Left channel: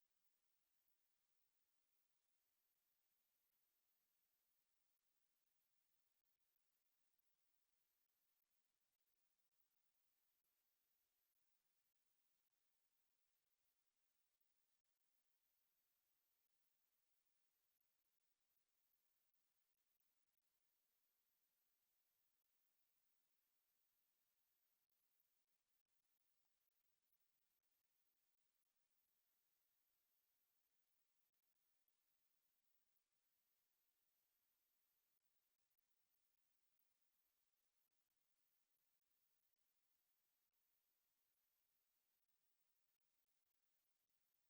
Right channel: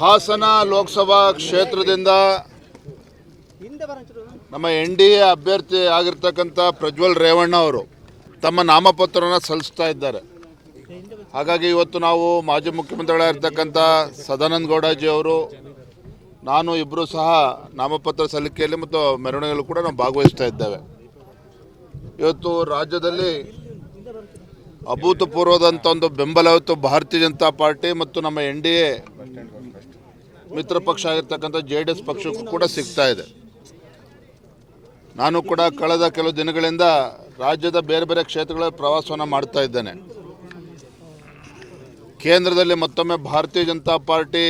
ಹಾಸನ ಲೋಕಸಭಾ ಕ್ಷೇತ್ರದಿಂದ ನಮ್ಮ N D A ಅಭ್ಯರ್ಥಿ ಆಗಿರ್ತಕ್ಕಂಥ ಪ್ರಜ್ವಲ್ ರೇವಣ್ಣ ಅವರು ತಮ್ಮ ನಾಮಪತ್ರವನ್ನು ಸಲ್ಲಿಸ್ತಾ ಇದ್ದಾರೆ. ಹಾಗಾಗಿ ಇವತ್ತು ನಾವು ಮಾಜಿ ಮುಖ್ಯಮಂತ್ರಿಗಳಾಗಿರ್ತಕ್ಕಂಥ ಸದಾನಂದ ಗೌಡಾಜಿ ಅವರು, ನಾನು ಇಬ್ಬರು ಸಹ ನಾಮಪತ್ರ ಸಲ್ಲಿಕೆಯಲ್ಲಿ ಮತ್ತು ಮೆರವಣಿಗೆಯಲ್ಲಿ ಕೂಡ ನಾವು ಭಾಗವಹಿಸ್ತಾ ಇದ್ದೇವೆ. ಇವತ್ತು ರಾಜ್ಯದಲ್ಲಿ ಅಭೂತಪೂರ್ವದಂಥ ಒಂದು ಬೆಂಬಲ ಇವತ್ತು ಭಾರತೀಯ ಜನತಾ ಪಾರ್ಟಿ ಮತ್ತು ನಮ್ಮ ಎನ್ ಡಿ ಎ ಮಿತ್ರ ಪಕ್ಷ ಆಗಿರ್ತಕ್ಕಂಥ ಜೆ ಡಿ ಎಸ್ ಪಕ್ಷಕ್ಕೂ ಕೂಡ ಸಿಗ್ತಾ ಇದೆ. ನಾನು ಕೂಡ ಕಳೆದ ಕೆಲವು ದಿನಗಳಿಂದ ರಾಜ್ಯದ ಬೇರೆ ಬೇರೆ ಕ್ಷೇತ್ರಗಳಲ್ಲಿ ಪ್ರವಾಸವನ್ನು ಮಾಡ್ತಾ ಇದ್ದೇನೆ. ಕೇಂದ್ರದಲ್ಲಿ ಮತ್ತೊಮ್ಮೆ ಭಾರತೀಯ ಜನತಾ ಪಾರ್ಟಿ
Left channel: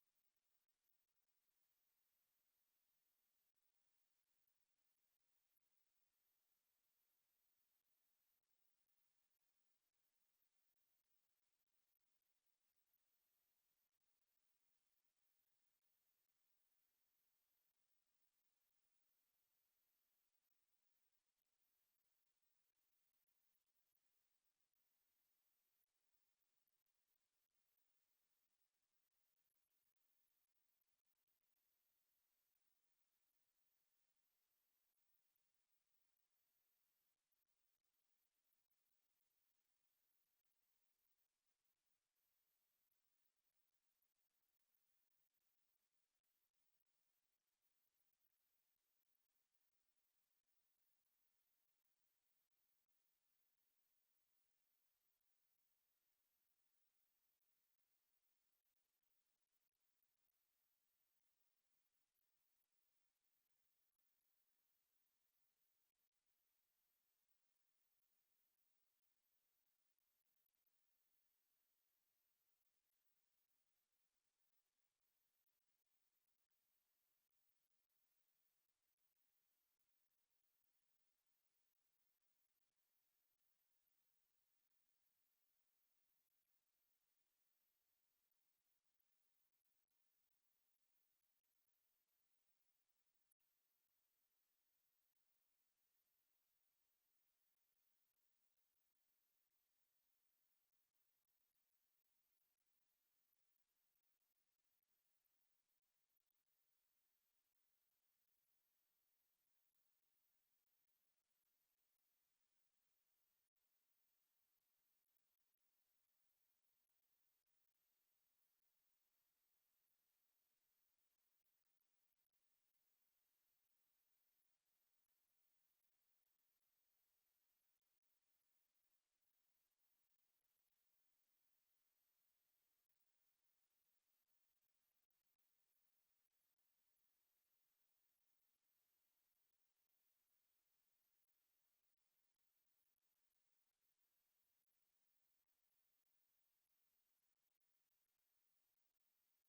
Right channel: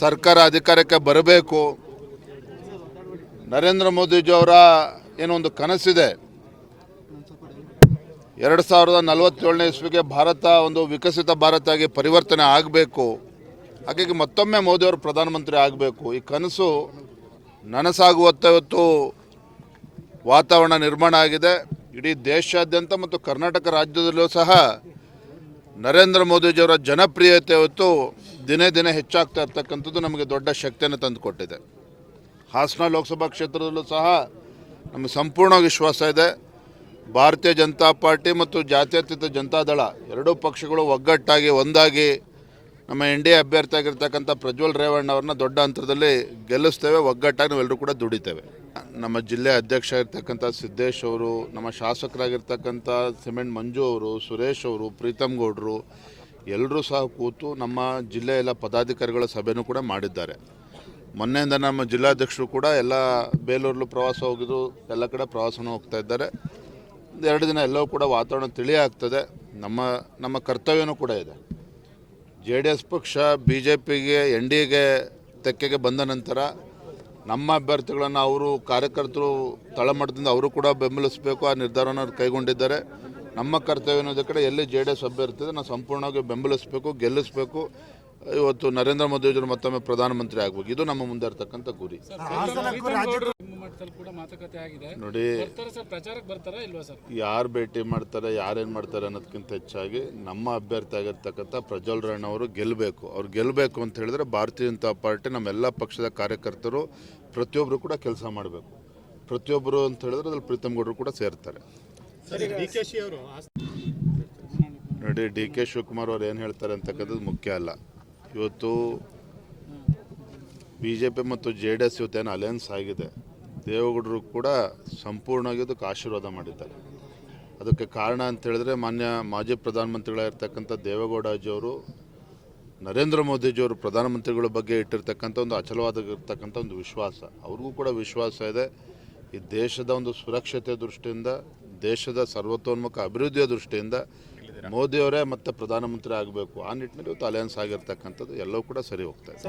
ಸರ್ಕಾರ ಅಧಿಕಾರಕ್ಕೆ ಬರಬೇಕು. ನರೇಂದ್ರ ಮೋದಿಜಿಯವರ ಏನೋ ಒಂದು ಕನಸಿದೆ. ಎರಡು ಸಾವಿರದ ನಲವತ್ತೇಳನೇ ಇಸ್ವಿಗೆ ಭಾರತ ಒಂದು ವಿಕಸಿತ ಭಾರತ ಆಗಿ ಪರಿವರ್ತನೆ ಆಗಬೇಕು. ಹಾಗಾಗಿ ಮತ್ತೊಮ್ಮೆ ಮೋದಿಯವರು ಪ್ರಧಾನಮಂತ್ರಿ ಆಗಬೇಕು. ಈ ಕನಸು ನನಸಾಗುವತ್ತ ಇವತ್ತು ವಾತಾವರಣ ನಿರ್ಮಾಣ ಆಗಿದೆ. ಇಡೀ ದೇಶಾದ್ಯಂತ ಮತ್ತು ಕರ್ನಾಟಕ ರಾಜ್ಯದಲ್ಲೂ ಸಹ ನರೇಂದ್ರ ಮೋದಿಜಿಯವರ ಜನಪ್ರಿಯತೆ ಹೊತ್ತು ದಿನೇ ದಿನೇ ಹೆಚ್ಚಾಗ್ತಾ ಇರ್ತಕ್ಕಂಥದ್ದು ನಮಗೆ ದೊಡ್ಡ ಶಕ್ತಿಯನ್ನು ತಂದುಕೊಟ್ಟಿದೆ. ಹಾಸನ ಲೋಕಸಭಾ ಕ್ಷೇತ್ರದಲ್ಲೂ ಸಹ ನಮಗೆ ಸಂಪೂರ್ಣ ವಿಶ್ವಾಸ ಇದೆ. ಭಾರತೀಯ ಜನತಾ ಪಾರ್ಟಿ ಮತ್ತು ಜಾತ್ಯತೀತ ಜನತಾದಳ ಎರಡೂ ಪಕ್ಷಗಳು ಒಗ್ಗಟ್ಟಾಗಿ, ಒಂದಾಗಿ ನಮ್ಮ ಎನ್ ಡಿ ಎ ಅಭ್ಯರ್ಥಿ ಆಗಿರ್ತಕ್ಕಂಥ ಪ್ರಜ್ವಲ್ ರೇವಣ್ಣ ಅವ್ರನ್ನ ದೊಡ್ಡ ಅಂತರದಲ್ಲಿ ಗೆಲ್ಲಿಸ್ತೇವೆ. ಒಗ್ಗಟ್ಟಾಗಿ ನಾವೆಲ್ಲರೂ ಕೂಡ ದುಡಿತೇವೆ. ನಮ್ಮ ಜಿಲ್ಲೆ ಅಧ್ಯಕ್ಷ ಆಗಿರ್ತಕ್ಕಂಥ ಸಿದ್ದೇಶ್ ಅವರು, ನಮ್ಮ ಶಾಸಕರಾಗಿರ್ತಕ್ಕಂಥ ಸಿಮೆಂಟ್ ಮಂಜು ಅವರು, ಸುರೇಶ್ ಅವರು, ಪ್ರೀತಮ್ ಗೌಡ್ರು ಎಲ್ಲರೂ ಸಹ ಕೂತು ನಮ್ಮ ಜಿಲ್ಲೆಯ ಎಲ್ಲ ಪದಾಧಿಕಾರಿಗಳ ಸಭೆನೂ ಕೂಡ ಮಾಡಿದ್ದಾರೆ. ಮೊನ್ನೆಯಿಂದ ನಮ್ಮ ಜಿಲ್ಲಾಧ್ಯಕ್ಷರು ಕೂಡ ಎಲ್ಲ ಬೇಲೂರಲ್ಲೂ ಪ್ರವಾಸ ಹೋಗಿದ್ರು, ಎಲ್ಲ ಕಡೆ ಪ್ರವಾಸನೂ ಹೋಗ್ತಾ ಇದ್ದಾರೆ. ಎರಡು ದಿನ ಎಲ್ಲವೂ ಕೂಡ ವಾತಾವರಣ ತಿಳಿಯಾಗ್ತದೆ ನಮ್ಮ ನಮ್ಮ ಕರ್ತವ್ಯನೂ ಕೂಡ ಇದೆ. ಜೆ ಡಿ ಎಸ್ ಪಕ್ಷ ಬಿ ಜೆ ಪಿಗೆ, ಎನ್ ಡಿ ಎಗೆ ತೆಕ್ಕೆಗೆ ಬಂದ ನಂತರ ನಮ್ಮ ಅಭ್ಯರ್ಥಿಗಳನ್ನು ಅವರು ಕಾರ್ಯಕರ್ತರು ತಳಮಟ್ಟದಿಂದ ಅವರು ಕೂಡ ಬೆಂಬಲಿಸಬೇಕು, ಆ ನಿರ್ಧಾರವನ್ನು ಕೈಗೊಂಡಿದ್ದಾರೆ. ನಮ್ಮ ಕರ್ತವ್ಯ ಅನ್ನೋದಕ್ಕೆ ಕಡೆ ಎಲ್ಲಿ ಜೆ ಡಿ ಎಸ್ ಅಭ್ಯರ್ಥಿ ನಾವು ಸಂಪೂರ್ಣವಾಗಿ ಬೆಂಬಲಿಸಬೇಕು, ಗೆಲ್ಲಿಸಬೇಕು. ಇವತ್ತು ನರೇಂದ್ರ ಮೋದಿಯವರು ಮತ್ತೊಮ್ಮೆ ಪ್ರಧಾನಮಂತ್ರಿ ಆಗಬೇಕು. ಇದು ನಮ್ಮ ಮುಂದೆ ಇರ್ತಕ್ಕಂಥ ಗುರಿ. ನಿಮ್ಮ ಮಟ್ಟದಲ್ಲಿ ಕೂಡ ಮಾತುಕತೆ ಆಗಿದೆ. ನೋಡಿ ಬರ್ತಾರೆ ಸರ್ ಪ್ರಚಾರಕ್ಕೆ ಬರ್ತಾರಾ ಇಲ್ವಾ ಸರ್? ಯಾರು ಭೇಟಿ ಮಾಡ್ತಾರೆ ಯಾರೇನು ಮಾಡ್ತಾರೆ ಅನ್ನೋದಕ್ಕಿಂತ ಹೆಚ್ಚಾಗಿ ನಮ್ಮ ಅಭ್ಯರ್ಥಿ ಆಗಿರ್ತಕ್ಕಂಥ ಪ್ರಜ್ವಲ್ ರಾಯಣ್ಣ ಅವರು ಗೆಲ್ಲಬೇಕು ಅವ್ರು ಗೆಲ್ಲಬೇಕು ಅಂತ ಹೇಳಿದ್ರೆ ಭಾರತೀಯ ಜನತಾ ಪಾರ್ಟಿ ನಮ್ಮೆಲ್ಲ ಪಕ್ಷದ ಕಾರ್ಯಕರ್ತರು ಪ್ರತಿಯೊಬ್ಬರು ಕೂಡ ಕೆಲಸ ಮಾಡಬೇಕು. ಪ್ರತಿಯೊಬ್ಬರು ಅಂತ ಹೇಳಿದ್ರೆ ಅದ್ರಲ್ಲಿ ಪ್ರೀತಮ್ ಗೌಡರು ಕೂಡ ಸೇರ್ತಾರೆ. ನೋಡಿ ಡಿ ಕೆ ಶಿವಕುಮಾರ್ ಅವ್ರು ಏನು ಹೇಳ್ತಾರೆ ಅಂತಕ್ಕಂಥದ್ದು ಮುಖ್ಯ ಅಲ್ಲ. ಇವತ್ತು ಬಿ ಜೆ ಪಿ ಮತ್ತು ಜೆ ಡಿ ಎಸ್ ಇವತ್ತೇನು ಅಲಯನ್ಸ್ ಆಗಿದೆ. ದೇವೇಗೌಡರು ಕೂಡ ಸಂಪೂರ್ಣವಾಗಿ ಅದಕ್ಕೆ ಆಶೀರ್ವಾದ ಮಾಡಿದ್ದಾರೆ. ಅದಕ್ಕೆ ಕಾರಣ ಅಂತ ಹೇಳಿದ್ರೆ ಮಾನ್ಯ ಮಾಜಿ ಪ್ರಧಾನಮಂತ್ರಿಗಳಾಗಿರ್ತಕ್ಕಂಥ ದೇವೇಗೌಡಜಿಯವರು ನರೇಂದ್ರ ಮೋದಿಜಿಯವರು ಪ್ರಧಾನಮಂತ್ರಿಗಳ ಬಗ್ಗೆ ಇಟ್ಟಿರ್ತಕ್ಕಂಥ ಒಂದು ಅಚಲವಾದಿರ್ತಕ್ಕಂಥ ಒಂದು ವಿಶ್ವಾಸ. ಅವ್ರಿಗೂ ಕೂಡ ವಿಶ್ವಾಸ ಇದೆ. ಈ ದೇಶದ ಒಂದು ಸುರಕ್ಷತೆ ದೃಷ್ಟಿಯಿಂದ, ದೇಶದ ಸರ್ವತೋನ್ಮುಖ ಅಭಿವೃದ್ಧಿಯ ದೃಷ್ಟಿಯಿಂದ ಮೋದಿಯವರೇ ಮತ್ತೆ ಪ್ರಧಾನಮಂತ್ರಿ ಆಗಬೇಕು. ಆ ನಿಟ್ಟಿನಲ್ಲಿ ಇವತ್ತು ಅಲಯನ್ಸ್ ಆಗಿರ್ತಕ್ಕಂಥದ್ದು ಎಲ್ಲವೂ ಕೂಡ ಸರಿ ಹೋಗ್ತಾ ಇದೆ.